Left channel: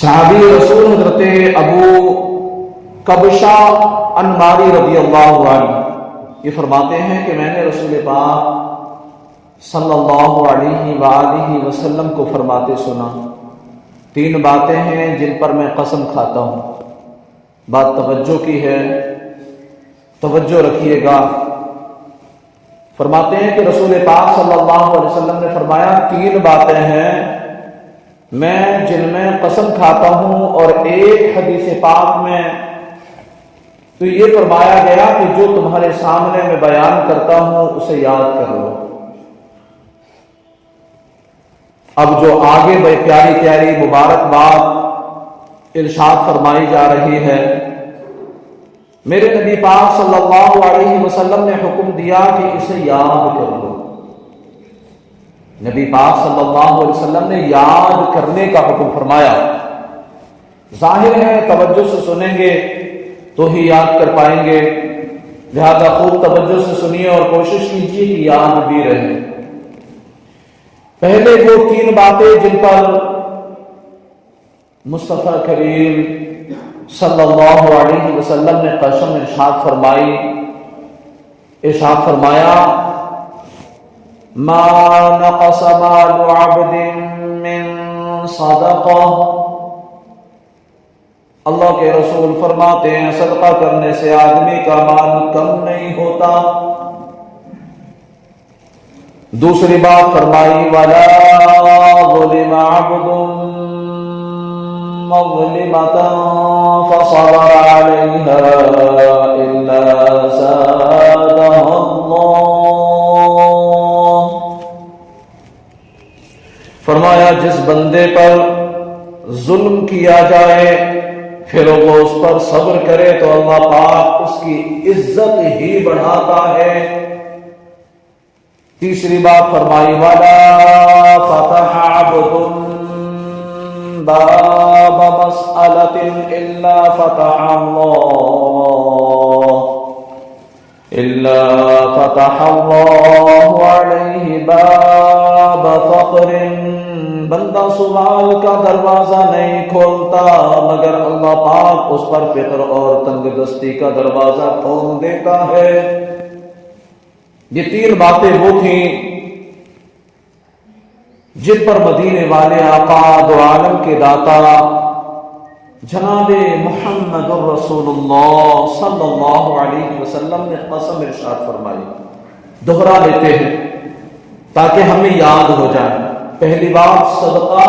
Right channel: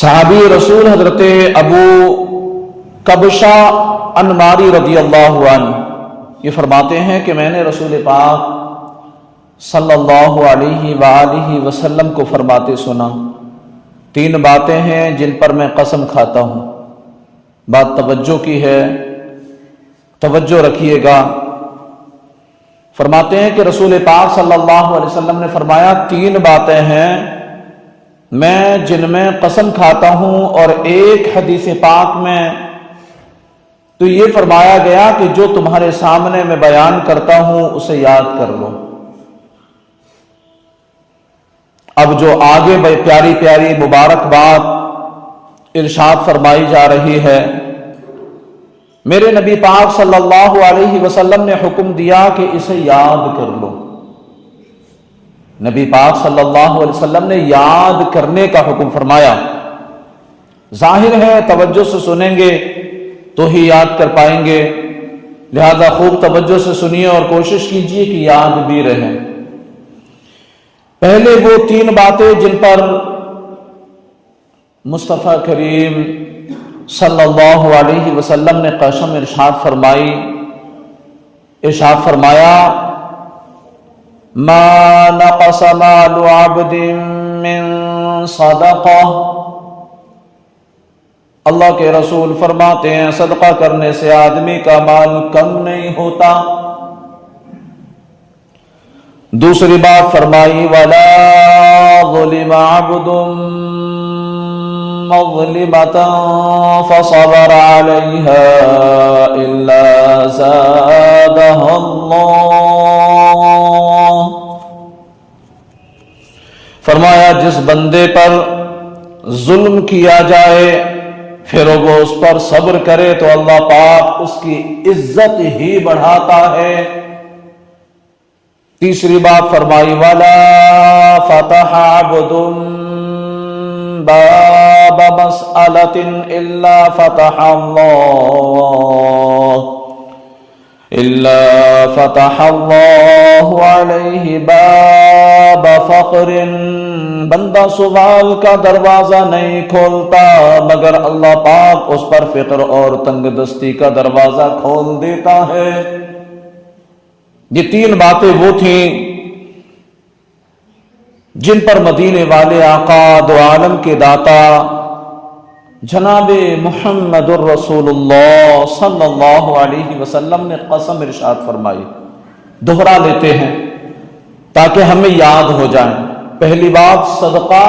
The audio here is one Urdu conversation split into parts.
صحابی رسول حضرت ابو کبشہ انماری رضی اللہ عنہ یہ فرماتے ہیں کہ میں نے رسول پاک صلی اللہ علیہ وآلہ وسلم کو فرماتے سنا، تین باتیں ہیں جن پر میں قسم کھاتا ہوں۔ بات توجہ کی ہے، توجہ رکھیے گا۔ فرماتے ہیں کہ رسول پاک صلی اللہ علیہ وسلم نے فرمایا تین باتیں ہیں میں جن میں قسم کھاتا ہوں، اور ایک حدیث پاک میں تو یہ فرمایا گیا کہ جو تمہارے سامنے میں بیان کرتا ہوں اسے یاد کر لو۔ اب جو آگے بڑی پیاری پیاری مبارک بات ارشاد فرمائی جا رہی ہے، میرے نبی پاک صلی اللہ علیہ وسلم نے حکم دیا کہ اسے یاد کر لو۔ نبی پاک صلی اللہ علیہ وسلم نے یاد کرنے کا حکم فرمایا۔ ظاہر ہے توجہ سے سنیں گے تو ہی یاد کر پائیں گے، لہذا خوب توجہ سے سنیے اور کوشش کیجیے کہ یاد بھی رہے۔ پہلے وہ تین باتیں جن پر مصطفیٰ کریم صلی اللہ علیہ وسلم نے قسم ارشاد فرمائی، ارشاد فرمایا ما نقص مال عبد من صدقہ، اللہ کے رسول فرماتے ہیں صدقہ کرنے سے آدمی کا مال کم نہیں ہوتا۔ دوسری بات فرمائی ولا ظلم عبد مظلمة فصبر عليها إلا زادها الله، فرمایا جس بندے پر ظلم کیا جائے پھر وہ اس پر صبر کرے تو اللہ پاک اس کی عزت ہی بڑھاتا ہے۔ تیسری بات فرمائی وَلَا فَتَحَ عَبْدٌ بَابَ مَسْأَلَةٍ إِلَّا فَتَحَ اللَّهُ عَلَيْهِ بَابَ فَقْرٍ، بندہ سوال کا دروازہ نہیں کھولتا مگر اللہ پاک اس پر فقر اور تنگ دستی کا دروازہ کھول دیتا ہے۔ یہ تین باتیں وہ تھیں جن پر مدینے والے آقا دو عالم کے داتا جناب محمد الرسول اللہ صلی اللہ علیہ وسلم نے قسم ارشاد فرمائی۔ دوہرا لیتے ہیں تاکہ ہمیں یاد ہو جائے۔ پہلی بات، صدقہ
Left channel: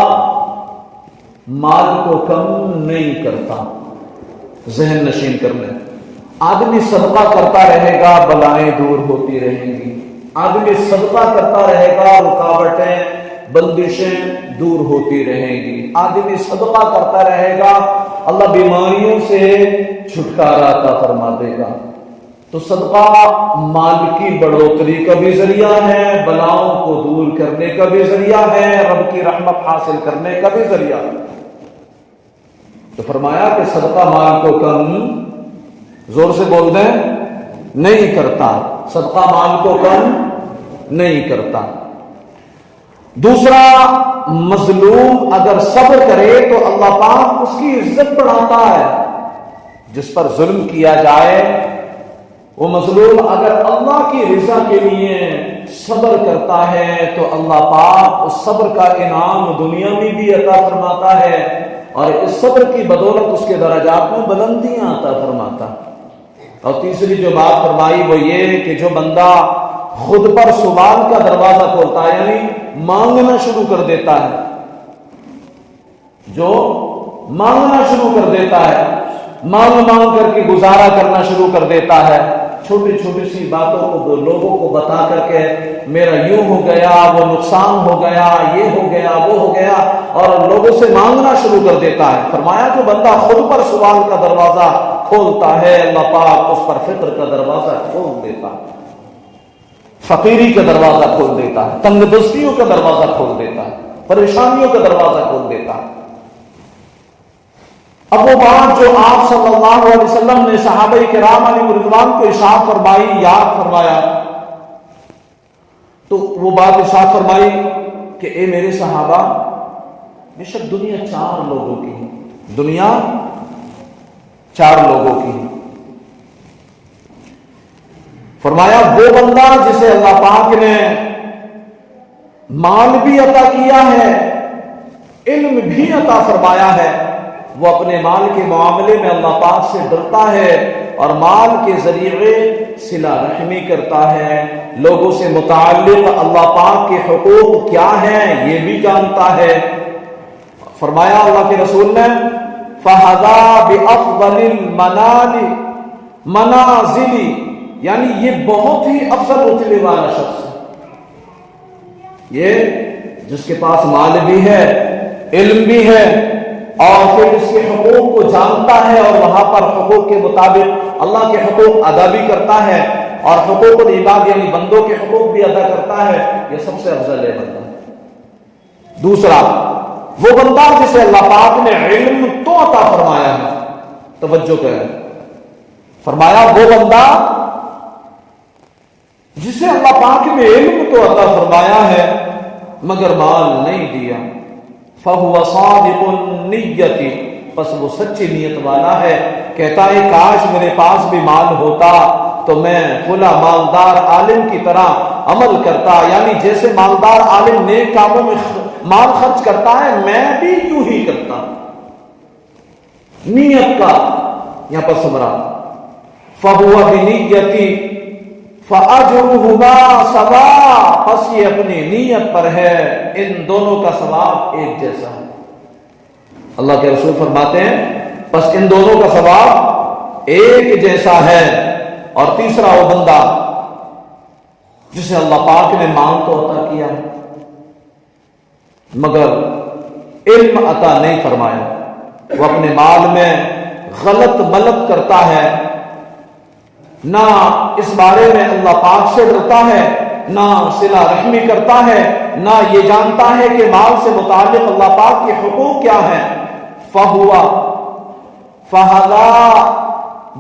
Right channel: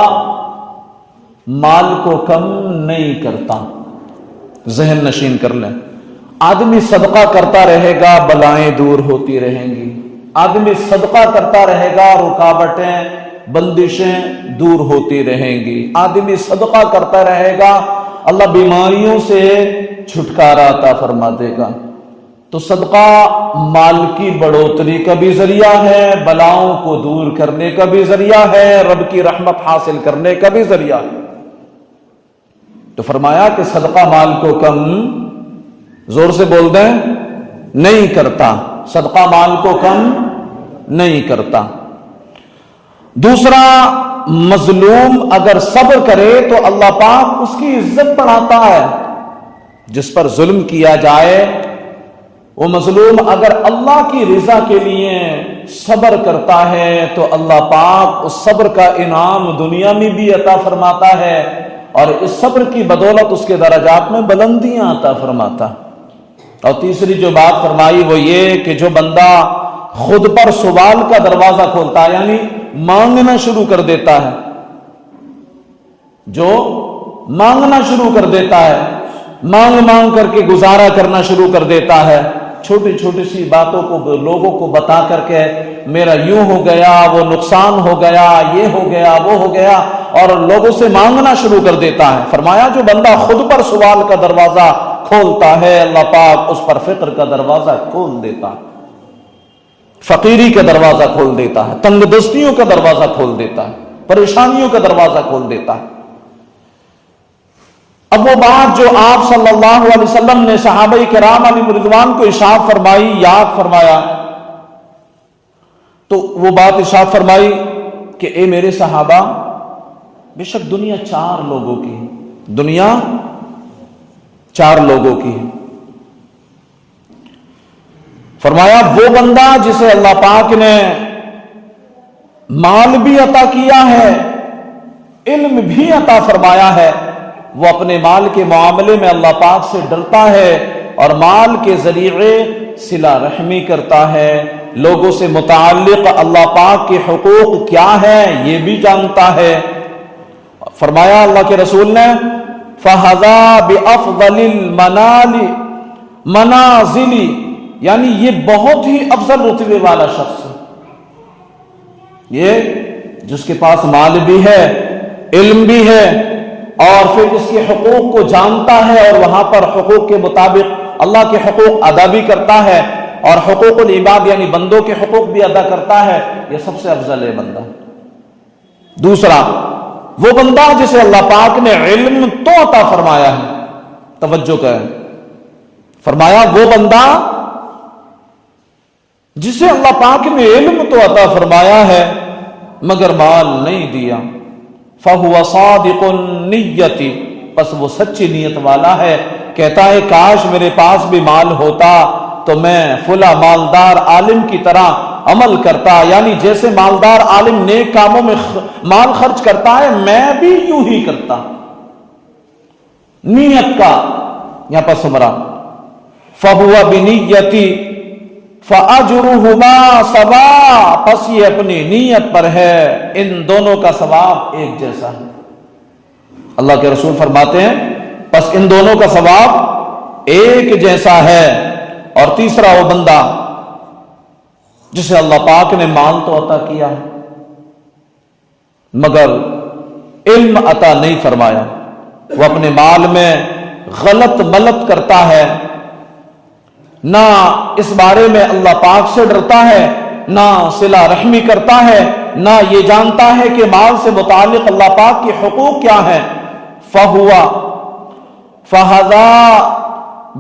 مال کو کم نہیں کرتا، ذہن نشین کر لیں۔ آدمی صدقہ کرتا رہے گا بلائیں دور ہوتی رہیں گی، آدمی صدقہ کرتا رہے گا رکاوٹیں بندشیں دور ہوتی رہیں گی، آدمی صدقہ کرتا رہے گا اللہ بیماریوں سے چھٹکارا عطا فرما دے گا۔ تو صدقہ مال کی بڑھوتری کا بھی ذریعہ ہے، بلاؤں کو دور کرنے کا بھی ذریعہ ہے، رب کی رحمت حاصل کرنے کا بھی ذریعہ ہے۔ تو فرمایا کہ صدقہ مال کو کم، زور سے بول دیں، نہیں کرتا، صدقہ مال کو کم نہیں کرتا۔ دوسرا، مظلوم اگر صبر کرے تو اللہ پاک اس کی عزت بڑھاتا ہے۔ جس پر ظلم کیا جائے وہ مظلوم اگر اللہ کی رضا کے لیے صبر کرتا ہے تو اللہ پاک اس صبر کا انعام دنیا میں بھی عطا فرماتا ہے، اور اس صبر کی بدولت اس کے درجات میں بلندیاں عطا فرماتا۔ اور تیسری جو بات فرمائی وہ یہ کہ جو بندہ خود پر سوال کا دروازہ کھولتا ہے، یعنی مانگنا شروع کر دیتا ہے، جو مانگنا شروع کر دیتا ہے، مانگ کر کے گزارا کرنا شروع کر دیتا ہے، چھوٹی چھوٹی سی باتوں کو لوگوں کو بتا کر کے میرا یوں ہو گیا، وہ نقصان ہو گیا، یہ ہو گیا، وہ ہو گیا، اور لوگوں سے مانگنا شروع کر دیتا ہے۔ فرمایا جو بندہ خود پر سوال کا دروازہ کھولتا ہے اللہ پاک اس پر فقر کا دروازہ کھول دیتا ہے، فقیری کا دروازہ کھول دیتا ہے، تنگ دستیوں کا دروازہ کھول دیتا ہے، پریشانیوں کا دروازہ کھول دیتا ہے۔ اب وہ بات جو آپ صلی اللہ علیہ وسلم نے صحابہ کرام علیہ رضوان کو ارشاد فرمائی، یاد فرمایا، تو وہ بات ارشاد فرمائی کہ اے میرے صحابہ، بے شک دنیا 4 لوگوں کی ہے، دنیا 4 لوگوں کی ہے۔ فرمایا وہ بندہ جسے اللہ پاک نے مال بھی عطا کیا ہے، علم بھی عطا فرمایا ہے، وہ اپنے مال کے معاملے میں اللہ پاک سے ڈرتا ہے اور مال کے ذریعے صلہ رحمی کرتا ہے، لوگوں سے متعلق اللہ پاک کے حقوق کیا ہیں یہ بھی جانتا ہے۔ فرمایا اللہ کے رسول نے فَهَذَا بِأَفْضَلِ الْمَنَالِ منازلی، یعنی یہ بہت ہی افضل رتبے والا شخص ہے، یہ جس کے پاس مال بھی ہے، علم بھی ہے، اور پھر اس کے حقوق کو جانتا ہے اور وہاں پر حقوق کے مطابق اللہ کے حقوق ادا بھی کرتا ہے، اور حقوق العباد یعنی بندوں کے حقوق بھی ادا کرتا ہے، یہ سب سے افضل ہے بندہ۔ دوسرا وہ بندہ جسے اللہ پاک نے علم تو عطا فرمایا ہے، توجہ کریں، فرمایا وہ بندہ جسے اللہ پاک نے علم تو عطا فرمایا ہے مگر مال نہیں دیا، فَهُوَ صَادِقُ النِّيَّةِ، پس وہ سچی نیت والا ہے، کہتا ہے کاش میرے پاس بھی مال ہوتا تو میں فلاں مالدار عالم کی طرح عمل کرتا، یعنی جیسے مالدار عالم نیک کاموں میں مال خرچ کرتا ہے میں بھی یوں ہی کرتا۔ نیت کا یہاں پر سمرا فَهُوَ بِنِيَّةِ فَأَجْرُهُمَا سَوَاءٌ، پس یہ اپنی نیت پر ہے، ان دونوں کا ثواب ایک جیسا ہے۔ اللہ کے رسول فرماتے ہیں پس ان دونوں کا ثواب ایک جیسا ہے۔ اور تیسرا وہ بندہ جسے اللہ پاک نے مال تو عطا کیا مگر علم عطا نہیں فرمایا، وہ اپنے مال میں غلط ملت کرتا ہے، نہ اس بارے میں اللہ پاک سے ڈرتا ہے، نہ صلہ رحمی کرتا ہے، نہ یہ جانتا ہے کہ مال سے متعلق اللہ پاک کے حقوق کیا ہیں، فَهَذَا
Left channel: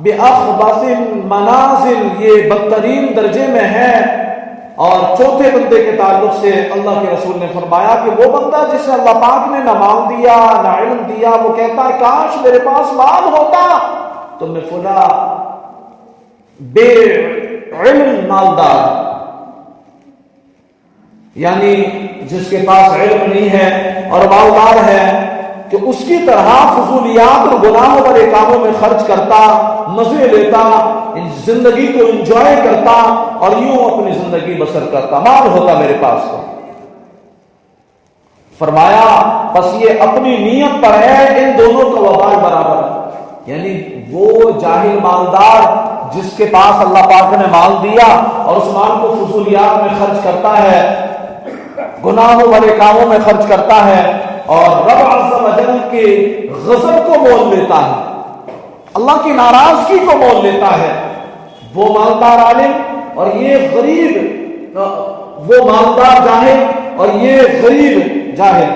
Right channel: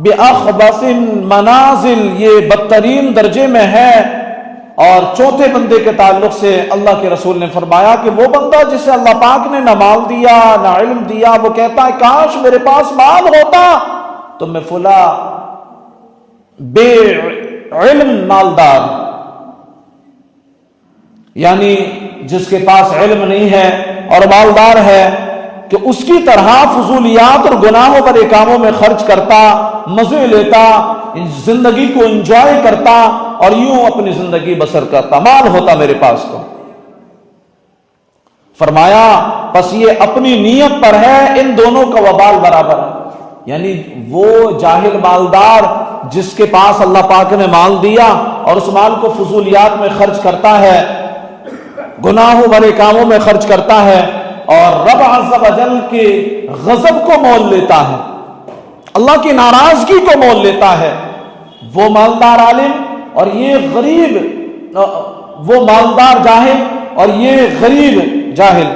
بِأَخْبَثِ الْمَنَازِلِ، یہ بدترین درجے میں ہے۔ اور چوتھے بندے کے تعلق سے اللہ کے رسول نے فرمایا کہ وہ بندہ جسے اللہ پاک نے نہ مال دیا نہ علم دیا، وہ کہتا ہے کاش میرے پاس مال ہوتا تو میں فلاں بے علم مالدار، یعنی جس کے پاس علم نہیں ہے اور مالدار ہے، کہ اس کی طرح فضولیات اور گناہوں پر کاموں میں خرچ کرتا، مزے لیتا، زندگی کو انجوائے کرتا اور یوں اپنی زندگی بسر کرتا، مال ہوتا میرے پاس تو۔ فرمایا پس یہ اپنی نیت پر ہے، ان دونوں کا وبال برابر ہے، یعنی وہ جاہل مالدار جس کے پاس اللہ پاک نے مال دیا اور اس مال کو فضولیات میں خرچ کرتا ہے، گناہوں والے کاموں میں خرچ کرتا ہے اور رب عز و جل کے غضب کو مول لیتا ہے، اللہ کی ناراضگی کو مول لیتا ہے، وہ مالدار عالم اور یہ غریب، وہ مالدار جاہل اور یہ غریب جاہل،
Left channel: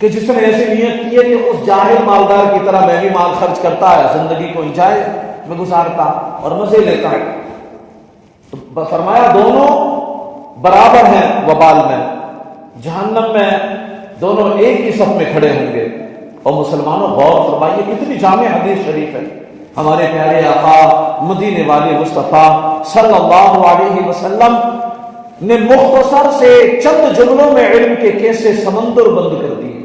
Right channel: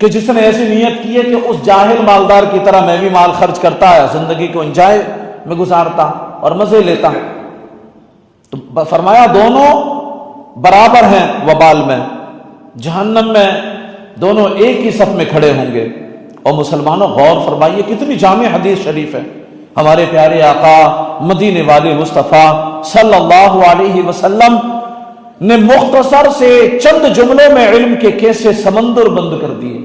کہ جس نے ایسی نیت کی ہے کہ اس جاہل مالدار کی طرح میں بھی مال خرچ کرتا ہے، زندگی کو انجوائے میں گزارتا اور مزے لیتا۔ تو فرمایا دونوں برابر ہیں وبال میں، جہنم میں دونوں ایک ہی صف میں کھڑے ہوں گے۔ اور مسلمانوں غور فرمائیے کتنی جامع حدیث شریف ہے، ہمارے پیارے آقا مدینے والے مصطفیٰ صلی اللہ علیہ وسلم نے مختصر سے چند جملوں میں علم کے کیسے سمندر بند کر دیے۔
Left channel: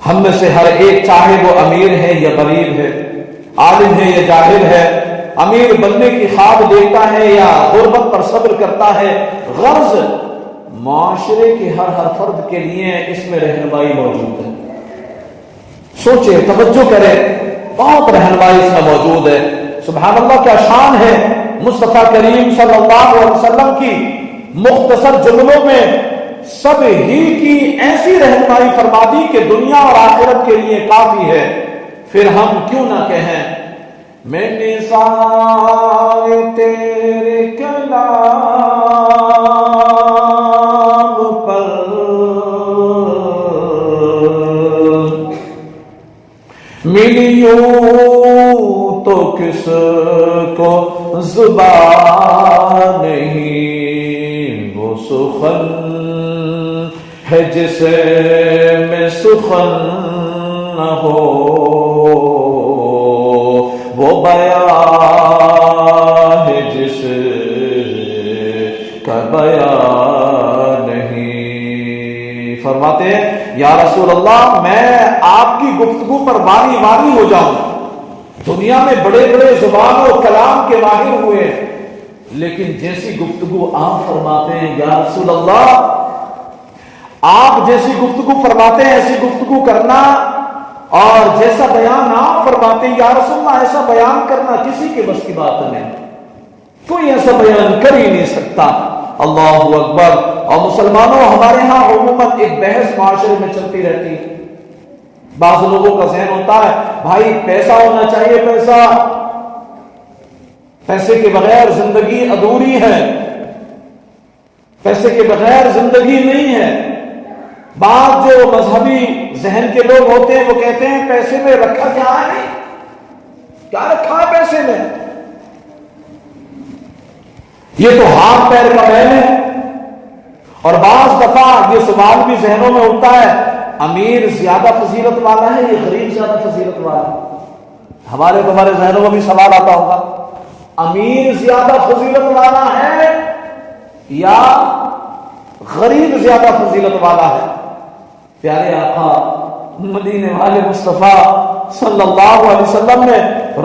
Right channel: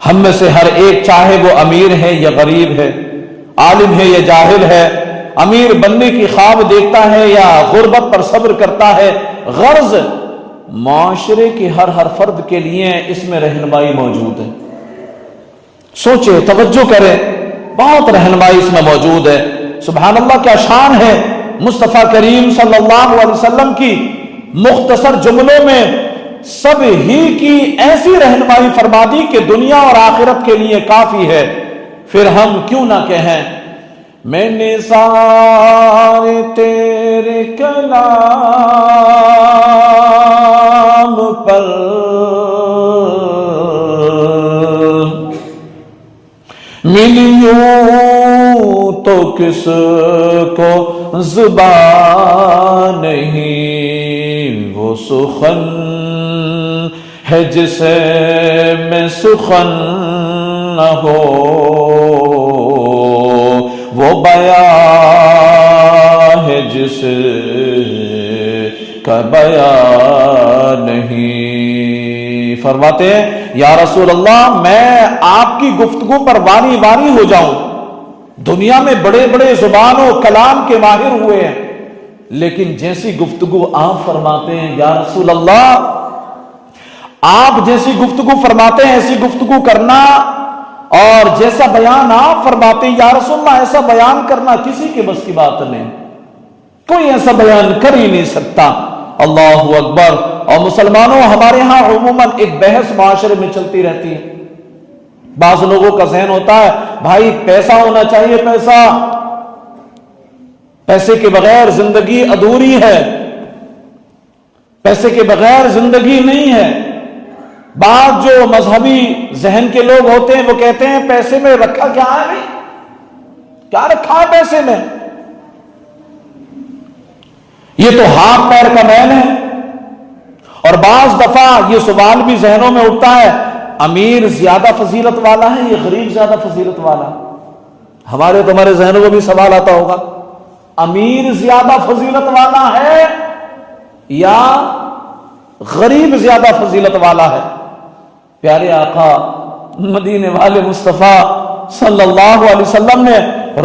ہم میں سے ہر ایک چاہے وہ امیر ہے یا غریب ہے، عالم ہے یا جاہل ہے، امیر بننے کی خواب دیکھتا ہے یا غربت پر صبر کرتا ہے، غرض معاشرے کی ہر فرد کے لیے اس میں رہنمائی موجود ہے۔ سوچے، توجہ کریں، بہت رہنمائی اس میں موجود ہے۔ سبحان اللہ، کیا شان ہے مصطفیٰ کریم صلی اللہ علیہ وسلم کی مختصر جملوں میں سب ہی کی ایسی رہنمائی فرما دی کہ دنیا اور آخرت کے لیے کافی ہے۔ پھر ہم کیوں نہ کہیں میں نے سائے تیرے کلام پر ملیوں تو کس کو زبان نہیں، وہ سخن ہے جسے میں سخن نہ ہو، وہ بیان ہے جس کا بیان نہیں۔ فرماتے ہیں یا رسول اللہ میں آپ کی گفتگو پر واری واری ہو جاؤں، دنیا میں بڑے بڑے زبان و کلام کے ماہر ہوئے ہیں، لیکن جیسی گفتگو آپ فرماتے ہیں یا رسول اللہ، آپ جیسی گفتگو فرماتے ہیں ایسی گفتگو کرنا، اور جیسا بیان آپ فرماتے ہیں یا رسول اللہ ایسا بیان کرنا کسی کے بس کی بات نہیں، کوئی ایسا بیان کر ہی نہیں سکتا۔ اللہ اکبر۔ اور مسلمانوں ہمارے ہاں عموماً ایک بحث معاشرے میں چلتی رہتی ہے، بعض لوگوں کا ذہن ہوتا ہے بھائی پیسہ ہونا چاہیے، پیسے کے بغیر زندگی ادھوری ہے، پیسے کے بغیر زندگی نہیں ہے۔ بعض جو مذہبی ذہن کے لوگ ہوتے ہیں وہ کہتے ہیں پیسے میں رکھا کیا ہے، نہیں کیا رکھا ہے پیسے میں، یہ تو ہاتھ پیر کا میل ہے۔ اور بعض دفعہ یہ سوال بھی ذہنوں میں اٹھتا ہے امیر زیادہ فضیلت والا ہے یا غریب زیادہ فضیلت والا ہے؟ ہمارے تمہارے ذہنوں میں بھی سوال آتا ہوگا، امیر زیادہ فضیلت والا ہے یا غریب زیادہ فضیلت والا ہے؟ پیارے آقا مدینے والے مصطفیٰ صلی اللہ علیہ وسلم نے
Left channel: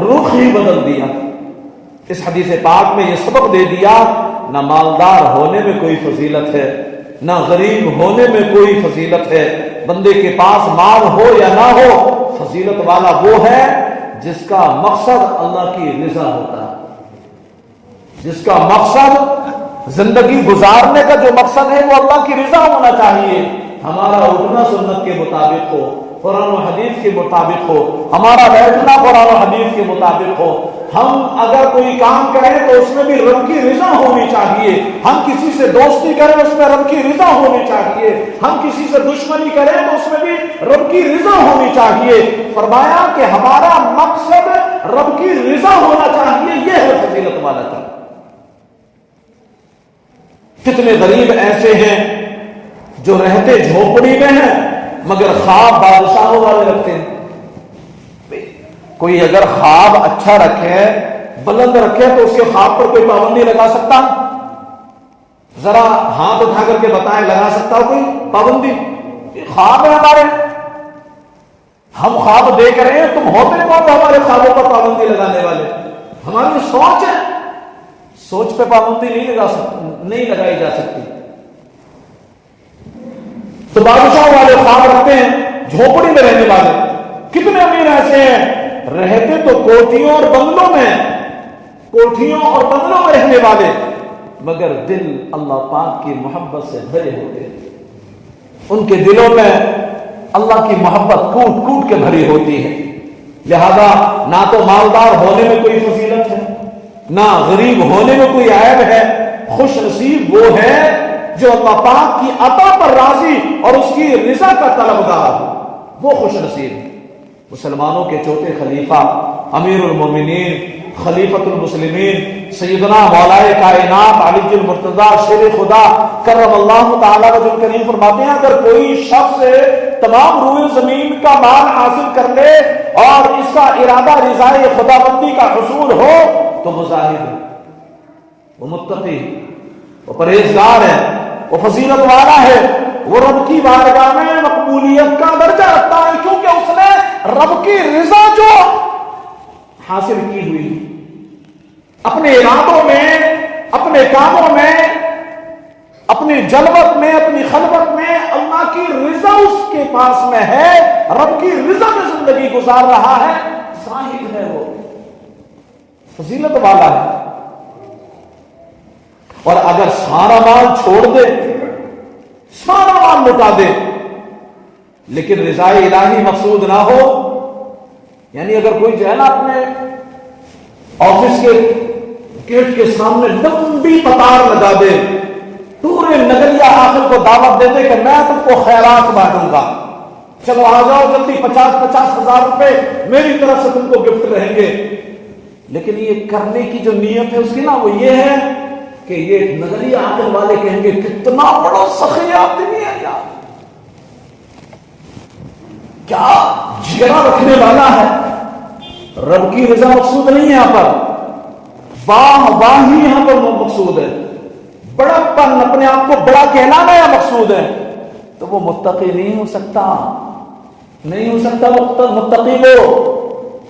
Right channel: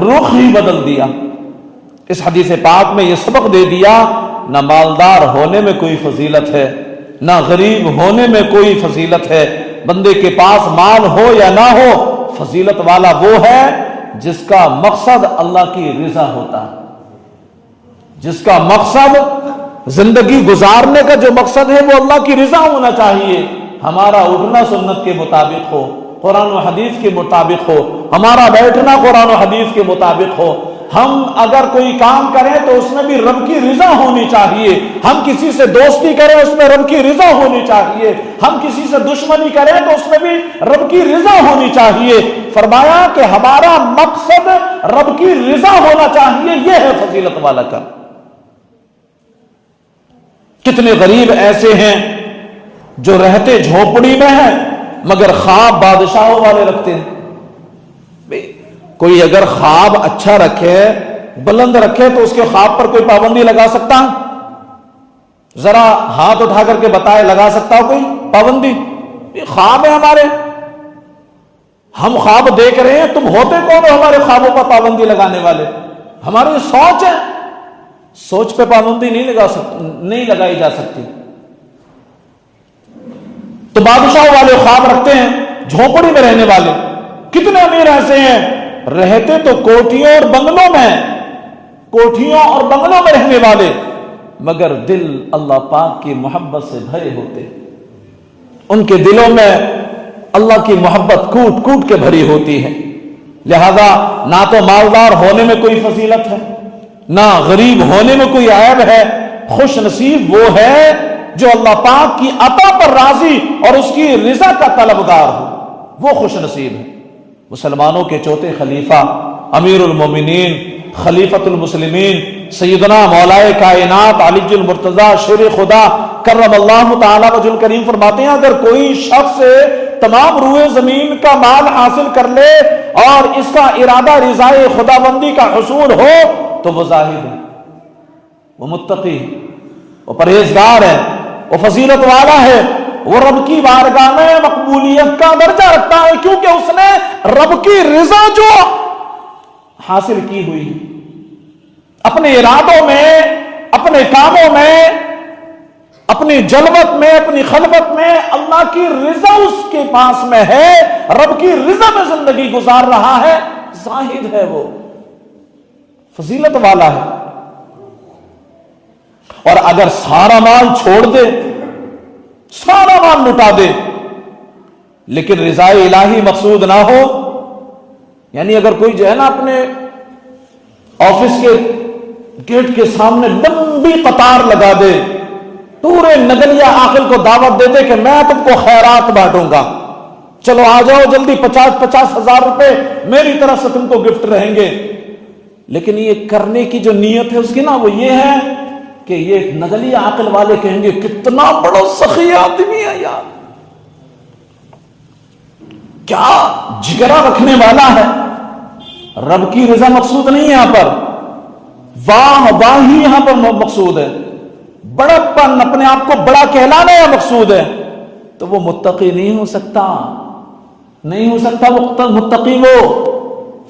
رخ ہی بدل دیا، اس حدیث پاک میں یہ سبق دے دیا، نہ مالدار ہونے میں کوئی فضیلت ہے، نہ غریب ہونے میں کوئی فضیلت ہے، بندے کے پاس مال ہو یا نہ ہو، فضیلت والا وہ ہے جس کا مقصد اللہ کی رضا ہوتا ہے، جس کا مقصد زندگی گزارنے کا جو مقصد ہے وہ اللہ کی رضا ہونا چاہیے، ہمارا اٹھنا سنت کے مطابق ہو، قرآن و حدیث کے مطابق ہو، ہمارا بیٹھنا قرآن و حدیث کے مطابق ہو، ہم اگر کوئی کام کریں تو اس میں بھی رب کی رضا ہونی چاہیے، ہم کسی سے دوستی کریں اس میں رب کی رضا ہونی چاہیے، ہم کسی سے دشمنی کریں تو اس میں بھی رب کی رضا ہونی چاہیے۔ فرمایا کہ ہمارا مقصد رب کی رضا ہونا چاہیے، یہ ہے فضیلت والا کا۔ کتنے غریب ایسے ہیں جو رہتے جھونپڑی میں ہیں مگر خواب بادشاہوں والے رکھتے ہیں۔ کوئی اگر خواب اچھا رکھے بلند رکھے تو اس کے خواب پر کوئی پابندی لگا سکتا؟ ذرا ہاتھ اٹھا کر کے بتائے لگا سکتا کوئی پابندی؟ یہ خواب ہے ہمارے، ہم خواب دیکھ رہے ہیں، تم ہوتے کون ہو ہمارے خوابوں پر پابندی لگانے والے؟ ہماری سوچ ہے، سوچ پہ پابندی نہیں لگائی جا سکتی۔ تو بادشاہ والے خواب رکھتے ہیں، جھونپڑی میں رہنے والے کتنے امیر ایسے ہیں رہتے تو کوٹھیوں اور بنگلوں میں رہنے والے، مگر دل اللہ پاک کی محبت سے بھرے ہوتے، ان کے دلوں میں اللہ کی محبت کوٹ کوٹ کے بھری ہوتی ہے۔ لہذا نہ تو مالدار ہونے میں کوئی فضیلت ہے، نہ غریب ہونے میں کوئی عیب ہے، خوش نصیب وہ ہے جو اللہ پاک کی عطا پر راضی اور اس کی رضا کا طلبگار ہو، وہ خوش نصیب ہے۔ مسلمانوں کے چوتھے خلیفہ امیر المومنین خلیفۃ المسلمین سیدنا مولائے کائنات علی المرتضی شیر خدا کرم اللہ تعالی وجہ کریم فرماتے ہیں اگر کوئی شخص تمام روئے زمین کا مال حاصل کر لے اور اس کا ارادہ رضائے خداوندی کا حصول ہو تو وہ زاہد ہے، وہ متقی ہے، وہ پرہیزگار ہے، وہ فضیلت والا ہے، وہ رب کی بارگاہ میں مقبولیت کا درجہ رکھتا ہے، کیونکہ اس نے رب کی رضا جو حاصل کی ہوئی اپنے ارادوں میں، اپنے کاموں میں، اپنی جلوت میں، اپنی خلوت میں اللہ کی رضا اس کے پاس میں ہے، رب کی رضا میں زندگی گزار رہا ہے، زاہد ہے، وہ فضیلت والا ہے۔ اور اگر سارا مال چھوڑ دے، سارا مال لٹا دے لیکن رضا الہی مقصود نہ ہو، یعنی اگر کوئی جو ہے نا اپنے آفس کے گیٹ کے سامنے لمبی قطار لگا دے، پورے نگریہ عاقل کو دعوت دے دے کہ میں تم کو خیرات بانٹوں گا، چلو آ جاؤ جلدی، 50,000 روپے میری طرف سے تم کو گفٹ رہیں گے، لیکن یہ کرنے کی جو نیت ہے اس کی نا وہ یہ ہے کہ یہ نگریہ عاقل والے کہیں گے کتنا بڑا سخی آدمی ہے یار، کیا جگرا رکھنے والا ہے. رب کی رضا مقصود نہیں ہے یہاں پر، واہ واہ ہی یہاں پر مقصود ہے. بڑپن، اپنے آپ کو بڑا کہلانا یا مقصود ہے. تو وہ متقی نہیں ہو سکتا، نہیں ہو سکتا متقی.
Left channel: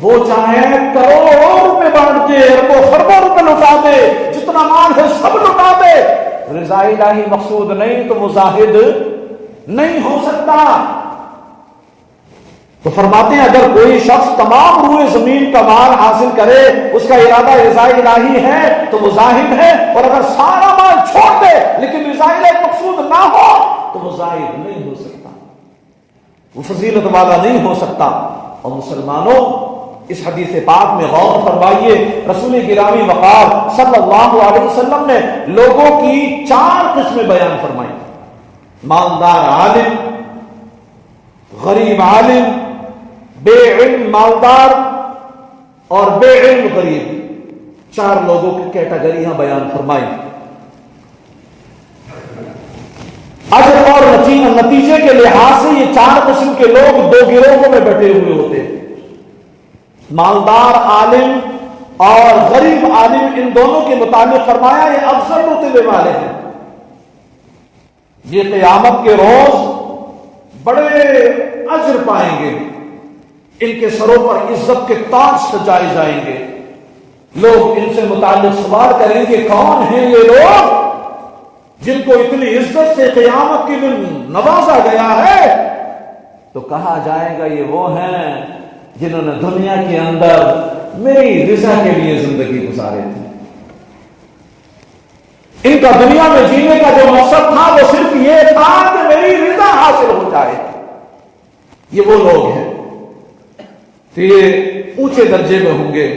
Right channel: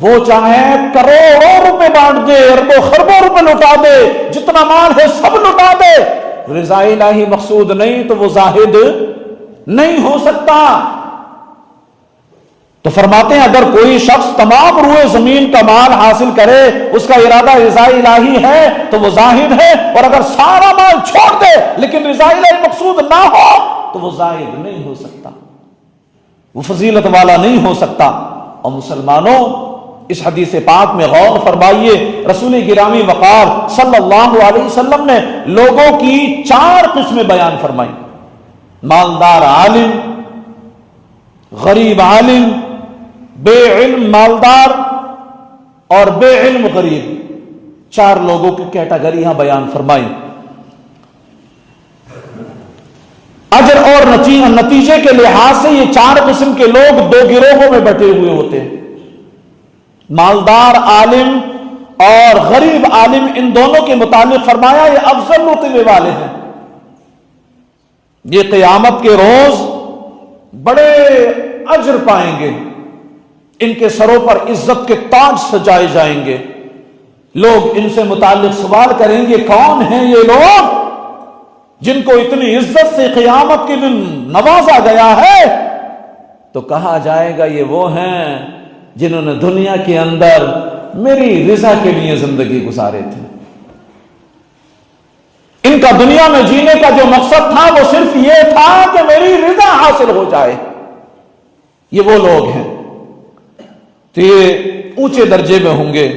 وہ چاہے کروڑوں روپے بانٹ دے، اربوں خربوں روپے لٹا دے، جتنا مال ہے سب لٹا دے، رضا الہی مقصود نہیں تو وہ زاہد نہیں ہو سکتا. تو فرماتے ہیں اگر کوئی شخص تمام روئے زمین کا مال حاصل کرے، اس کا ارادہ رضا الہی ہے تو وہ زاہد ہے، اور اگر سارا مال چھوڑ دے لیکن رضا الہی مقصود نہ ہو تو وہ زاہد نہیں ہو سکتا، وہ فضیلت والا نہیں ہو سکتا. اور مسلمانوں اس حدیث پاک میں غور فرمائیے، رسول گرامی وقار صلی اللہ علیہ وسلم نے لوگوں کی 4 قسمیں بیان فرمائی. مالدار عالم، غریب عالم، بے علم مالدار اور بے علم غریب، 4 لوگوں کی کیٹیگریاں بیان فرمائی. اجر اور نتیجے کے لحاظ سے یہ 4 قسم کے لوگ 2 گروہوں میں بٹے ہوئے ہوتے ہیں. مالدار عالم اور غریب عالم، ان دونوں کے متعلق فرمایا یہ افضل رتبے والے ہیں، یہ قیامت کے روز بڑے اجر پائیں گے، ان کے سروں پر عزت کے تاج سجائے جائیں گے. لوگ ان سے متعلق سوال کریں گے کون ہیں یہ لوگ جن کو اتنی عزت سے قیامت کے دن نوازا گیا ہے؟ تو کہا جائے گا یہ وہ ہیں جنہوں نے دنیا کے اندر میری رضا کے لیے زندگی گزارے تھے. ان کا دنیا میں جینے کا جو مقصد تھا وہ صرف یہ تھا کہ میری رضا حاصل ہو جائے. یہ وہ لوگ ہیں تو یہ اونچے درجے میں ہوں گے.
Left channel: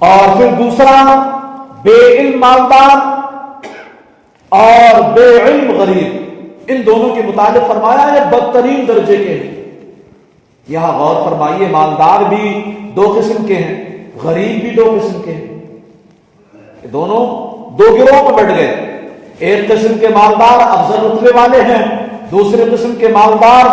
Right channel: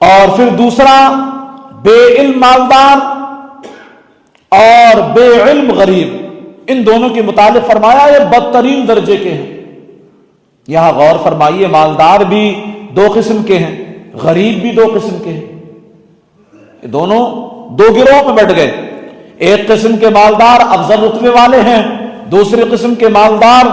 اور پھر دوسرا، بے علم مالدار اور بے علم غریب، ان دونوں کے متعلق فرمایا یہ بدترین درجے کے ہیں. یہاں غور فرمائیے، مالدار بھی 2 قسم کے ہیں، غریب بھی 2 قسم کے ہیں. یہ دونوں 2 گروہ میں بٹ گئے. ایک قسم کے مالدار افضل رتبے والے ہیں، دوسرے قسم کے مالدار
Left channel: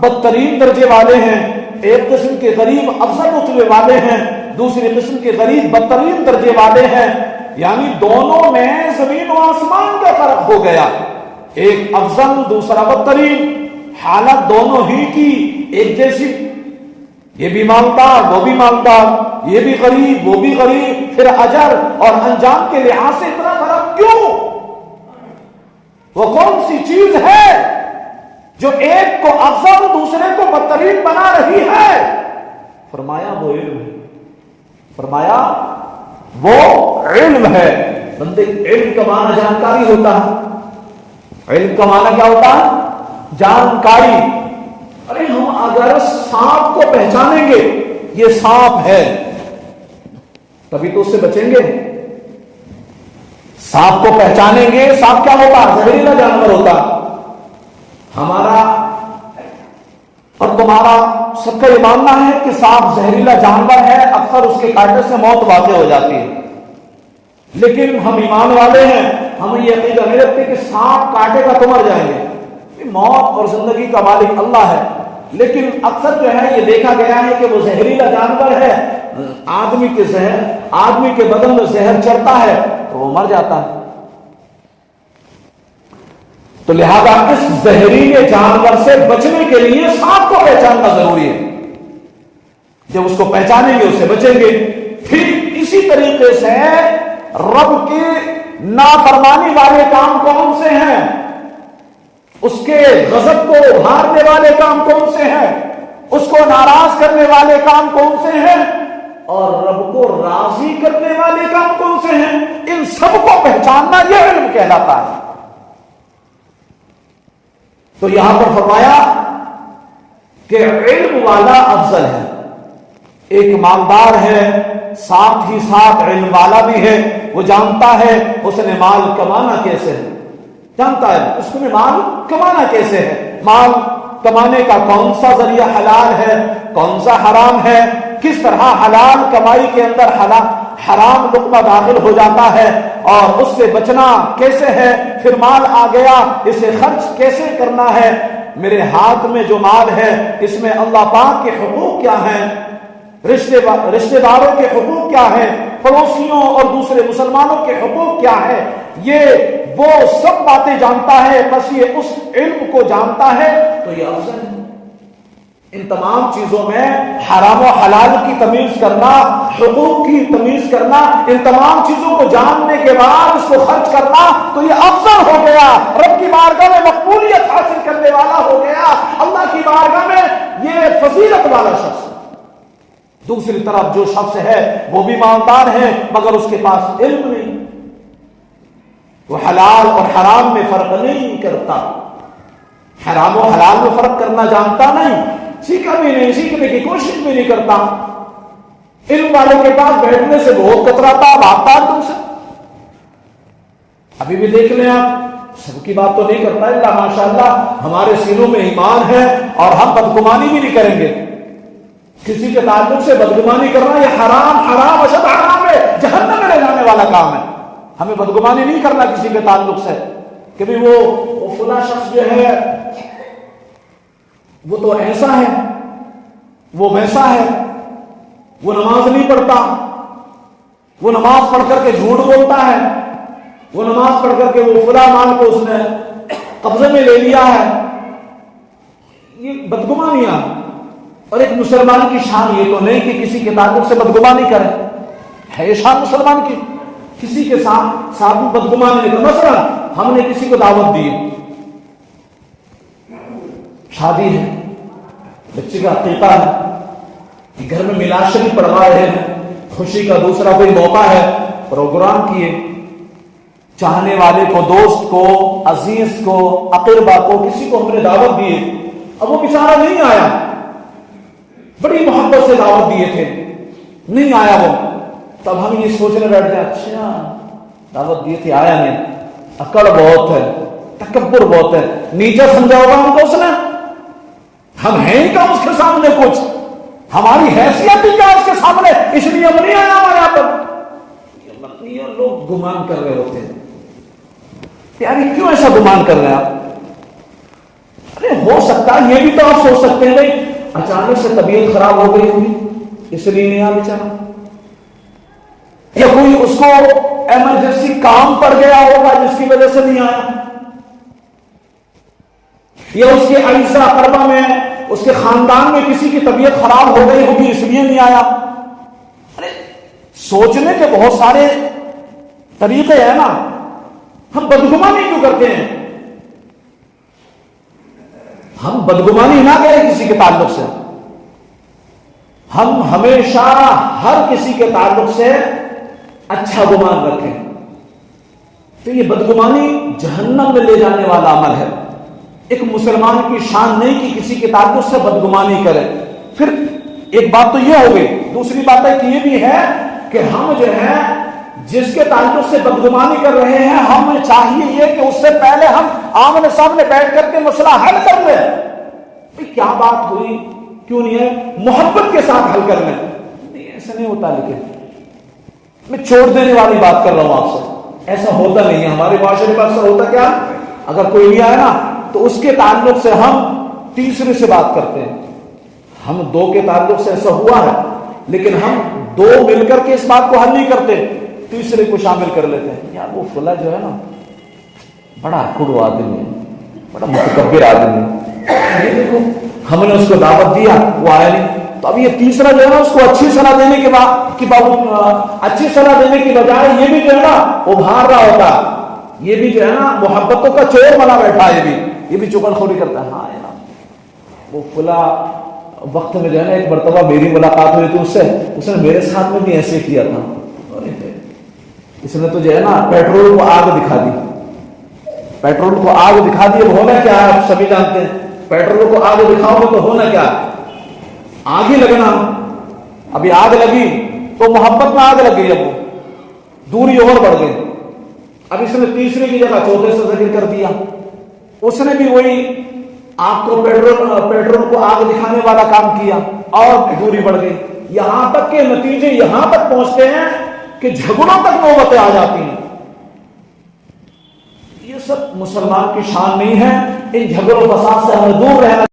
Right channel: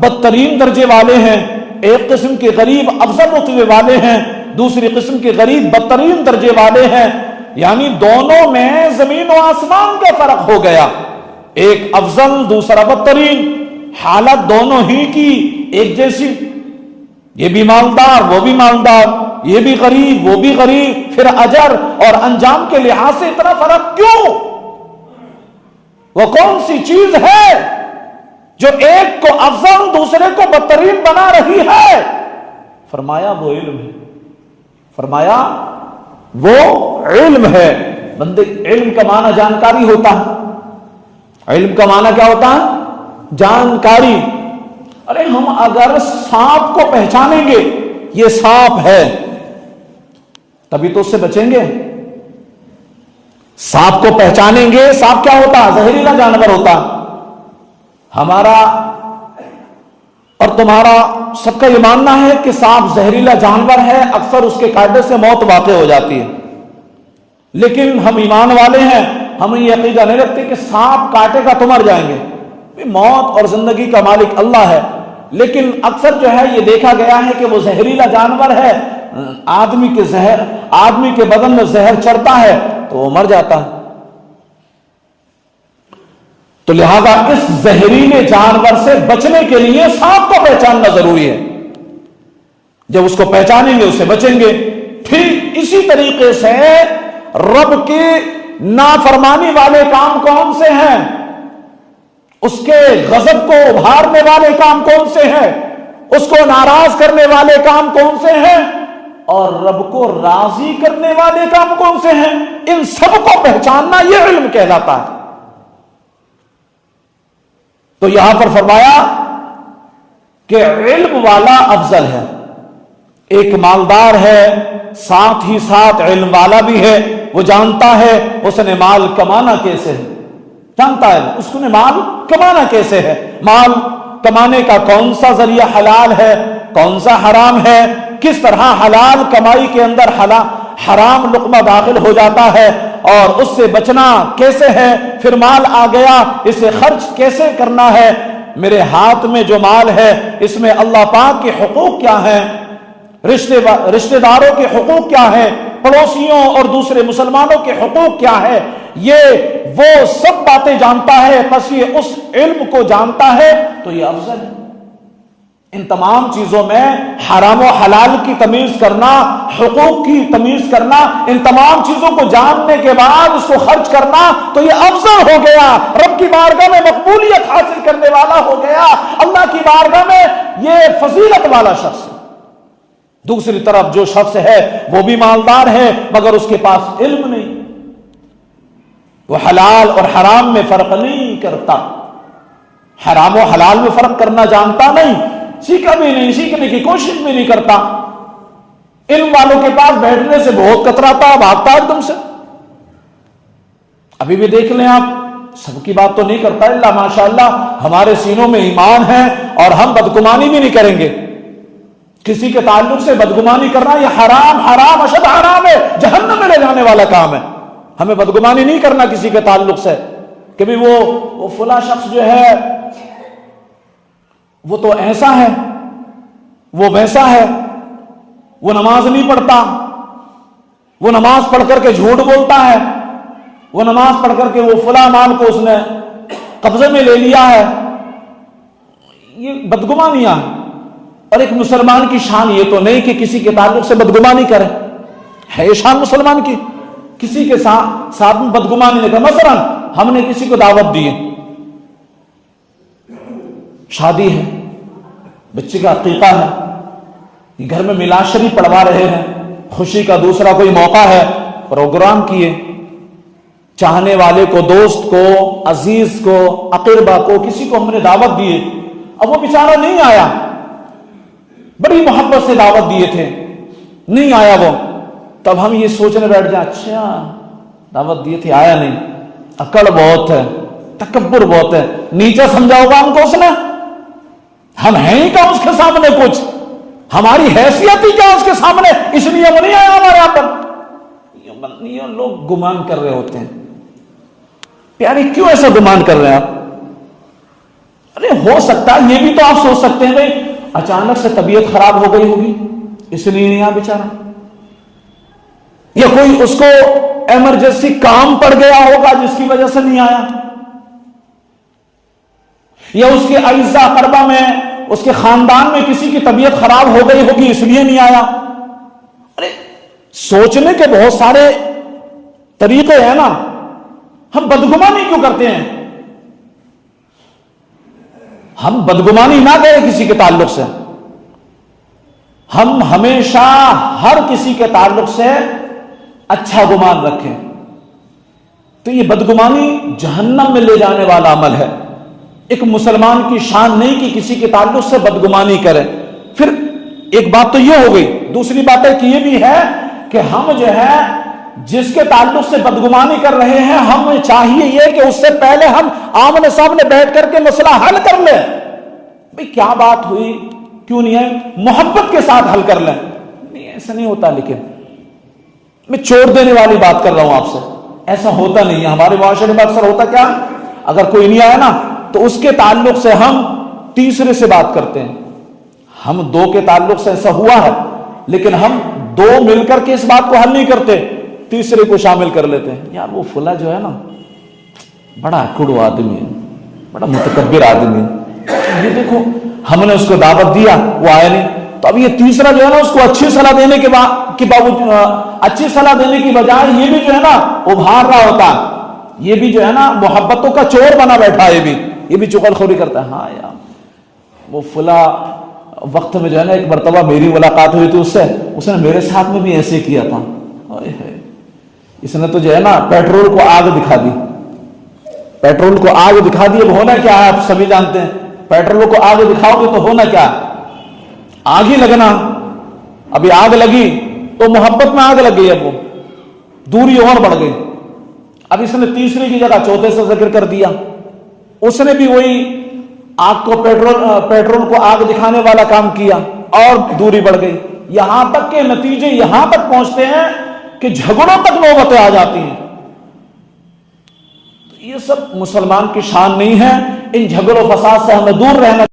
بدترین درجے والے ہیں. ایک قسم کے غریب افضل رتبے والے ہیں، دوسری قسم کے غریب بدترین درجے والے ہیں. یعنی دونوں میں زمین و آسمان کا فرق ہو گیا، ایک افضل دوسرا بدترین. حالت دونوں ہی کی ایک جیسی، یہ بھی مالدار وہ بھی مالدار، یہ بھی غریب وہ بھی غریب. پھر اجر اور انجام کے لحاظ سے اتنا فرق کیوں؟ وہ کون سی چیز ہے جو ایک کو افضل دوسرے کو بدترین بنا رہی ہے؟ فرمایا وہ علم ہے، فرمایا وہ علم ہے. بندے علم کا معنی جانکاری ہوتا ہے. علم کا معنی کیا ہوتا ہے؟ جانکاری. ارے ہم اگر سانپ کو پہچانیں گے یہ سانپ ہے تبھی تو اس سے بچیں گے. سانپ کو پہچانیں گے. سانپ کیا ہوتا؟ زہریلا جانور ہوتا. ہمارا اور تمہارا سب کا یہ ماننا ہے کہ سانپ زہریلا جانور ہے، اکثر اس کے کاٹنے سے موت واقع ہو جاتی ہے. لیکن ہم ایمان والے ہیں، ہمیں یہ عقیدہ نہیں رکھتے کہ سانپ کاٹے گا تو مر جائیں گے. موت اور زندگی کا مالک اللہ ہے، لیکن اکثر جو ہے یہ دیکھا گیا ہے کہ وہ زہریلا جانور ہے. آدمی کے بدن میں زہر چڑھتا ہے تو وہ مر جاتا ہے. تو لہذا اس زہریلے جانور سے بچنے کے لیے سانپ کو پہچاننا ضروری ہے. جب اس کو پہچانیں گے اس سے بچیں گے. ٹھیک اسی طریقے سے رب کے نافرمانی والے کام کون سے ہیں؟ اس کے غضب کو ابھارنے والے کام کون سے ہیں؟ اس کو ناراض کرنے والے کام کون سے ہیں؟ اور رب کو راضی کرنے والے کام کون سے ہیں؟ ان سب کو پہچاننا یہ علم کہلاتا ہے. تو یہاں پر فرمایا کہ علم والا افضل ہے. ایک مالدار ہے ساتھ ہی ساتھ علم والا بھی ہے. وہ جانتا ہے اس نے مال کمانا کیسے ہے، جانتا ہے اس کو مال کمانا کیسے ہے، مال کمانے کا کون سا ذریعہ حلال ہے کون سا حرام ہے، کس طرح حلال کمائی کے اندر حرام لقمہ داخل ہو جاتا ہے اور اس سے بچنا کیسے ہے. پھر مال آ گیا اسے خرچ کیسے کرنا ہے. میرے ہاتھ میں جو مال ہے اس میں اللہ پاک کے حقوق کیا ہیں، رشتہ داروں کے حقوق کیا ہیں، پڑوسیوں اور دوسرے مسلمانوں کے حقوق کیا ہے، یہ وہ سب باتیں جانتا ہے، بس یہ اس علم کو جانتا ہے تو یہ افضل ہے۔ ان تمام چیزوں میں حرام و حلال کی تمیز کرنا، حقوق کی تمیز کرنا، ان تمام چیزوں کو جاننے کے بعد اس کو خرچ کرنا تو یہ افضل ہو گیا، رب کی بارگاہ میں مقبولیت حاصل کرنے والا ہو گیا، اللہ کی بارگاہ میں یہ فضیلت والا شخص ہے۔ دوسری طرف جو شخص ہے وہ بھی مالدار ہے مگر اس کے پاس علم نہیں، وہ حلال اور حرام میں فرق نہیں کرتا، حرام و حلال میں فرق کرنا جانتا نہیں، سیکھا بھی نہیں، سیکھنے کی کوشش بھی نہیں کرتا، علم والوں کے پاس بیٹھنے سے بہت کتراتا، بھاگتا ایک دم سے۔ ابھی بھی دیکھ لیں آپ، سب کی بات تو نہیں کرتا اللہ ماشاءاللہ، ہمارے سینوں میں ایمان ہے اور ہم بدگمانی بھی نہیں کریں گے۔ کسی کے تعلق سے بدگمانی کرنا یہ حرام اشد حرام ہے، جہنم میں لے جانے والا کام ہے۔ ہمیں بدگمانی نہیں کرنا کسی کے تعلق سے کہ بھی وہ فلاں شخص جو ہے وہ تو ایسا ہے، وہ ویسا ہے، وہ نماز نہیں پڑھتا، وہ نماز پڑھ کر کے جھوٹ بولتا ہے، وہ نماز پڑھ کر کے وہ فلاں مال کو اس نے قبضے میں لے لیا ہے۔ یہ بدگمانیاں، اور ایک مسلمان کی شان یہ تو نہیں کہ کسی کے تعلق سے بدگمانی کرے، ہے یہ شان مسلمان کی، کسی کے ساتھ بدگمانی نہیں کرے۔ مثلا ہم نے کسی کو دعوت دی، شادی ہے، بچے کا عقیقہ ہے، گھر میں میلاد شریف پڑھوا رہے ہیں، خوشی کا دوسرا کوئی موقع ہے، پروگرام کیے، چاہنے والے کو، دوست کو، عزیز کو، اقربا کو، کسی کو ہم نے دعوت دیے، اب وہ بیچارہ نہیں آیا، بڑی محبت سے دعوت دیے تھے، نہیں آیا وہ، تب ہم یہ سوچنے بیٹھ جائے اچھا دعوت دیے تھی آیا نہیں، اکڑ بہت ہے، تکبر بہت ہے، نیچا سمجھا ہوگا ہم کو اس نے، ہم ہیں ہی کیا اس کے سامنے کچھ، ہماری حیثیت ہی کیا اس کے سامنے، اس لیے وہ نہیں آیا ہمارے یہاں پر۔ لوگ گمان کر رہے ہوتے ہیں، پیاری کیوں ایسا گمان کر رہے ہیں آپ؟ ارے ہو سکتا ہے، یہ بھی تو آپ سوچ سکتے ہیں بھائی اچانک سے طبیعت خراب ہو گئی ہوگی اس لیے نہیں آیا بیچارہ، یا کوئی اس کو ایمرجنسی کام پڑ گیا ہوگا جس کی وجہ سے نہیں آیا، یا اس کے اعزاء اقربا میں، اس کے خاندان میں کسی کی طبیعت خراب ہو گئی ہوگی اس لیے نہیں آیا۔ ارے سوچنے کے بہت سارے طریقے ہیں نا، ہم بدگمانی کیوں کرتے ہیں؟ ہم بدگمانی نہ کریں کسی کے تعلق سے، ہم ہمیشہ ہر کسی کے تعلق سے اچھا گمان رکھیں، تو یہ بدگمانی جہنم میں لے جانے والا عمل ہے۔ ایک مسلمان کی شان نہیں کہ کسی کے تعلق سے بدگمانی کرے۔ پھر ایک بات تو یہ ہو گئی، دوسری بات ہے کہ یہ بھی ہے کہ ہم جو ہے جس کے تعلق سے بدگمانی کر رہے ہیں، ہمیں چاہیے یہ کہ اس سے پہلے ہم آمنے سامنے بیٹھ کر کے مسئلہ حل کر لیں، بھئی کیا بات ہوئی، کیوں نہیں ہے، محبت کے ساتھ حل کر لیں۔ ایسا نہیں ہوتا، لیکن میں چھوڑ دینے والی بات کر رہا ہوں آپ سے، ایسا ہوتا نہیں ہے ہمارے معاشرے میں۔ اکثر ہوتا کیا، اگر کوئی نہیں آیا نا تو اس کے تعلق سے ہم تیسرے سے بات کرتے ہیں، ہم دو کے تعلق سے ایسا ہوا ہے لیکن ہم دو مل کر کے اس بات کو حل نہیں کرتے، تیسرے کو شامل کر لیتے ہیں، یا وہ فلاں جو ہے نا بڑا اکڑو آدمی ہے، بڑا متکبر آدمی ہے، یہ دیکھو ہم نے اس کو دعوت دیا وہ آیا نہیں، تو اب یہ تیسرا جو ہے نا اس کو اچھی صلاح دینے کے اچھی صلاح دینے کی بجائے یہ بھی جو ہے نا وہ بھاگ رہا ہوتا ہے، یہ بھی جو ہے نا محبتوں کا چور بنا بیٹھا ہے، یہ بھی چغل خوری کرتا ہے۔ ہاں یار وہ فلاں وقت میں جو ہے نا ایک مرتبہ میری ملاقات ہوئی تھی اس نے میرے ساتھ میں بھی ایسے کیا تھا، اس نے تو جو ہے نا پیٹرول کو آگ دکھا دی، پیٹرول کو آگ دکھا دی، اب ہونا کیا ہے آپ سبھی جانتے ہیں، پیٹرول کو آگ دکھاؤ گے تو ہونا کیا، آگ ہی لگنا، ابھی آگ لگی تو محبت میں آگ لگ گئی، اب وہ دوری اور بڑھ گئی، اب اس نے تیسری کی جگہ چوتھے سے ذکر کر دیا، اس نے بھی وہی آگ کو پیٹرول کو آگ دکھانے والا کام کیا اور دوری بڑھ گئی، یہاں تک کہ نتیجے یہاں تک پہنچتے ہیں کہ جھگڑوں تک نوبتیں آ جاتی ہیں۔ یہ سب مسلمان کی شان نہیں ہے. ان جھگڑوں فساد سے ہمیں دور رہنا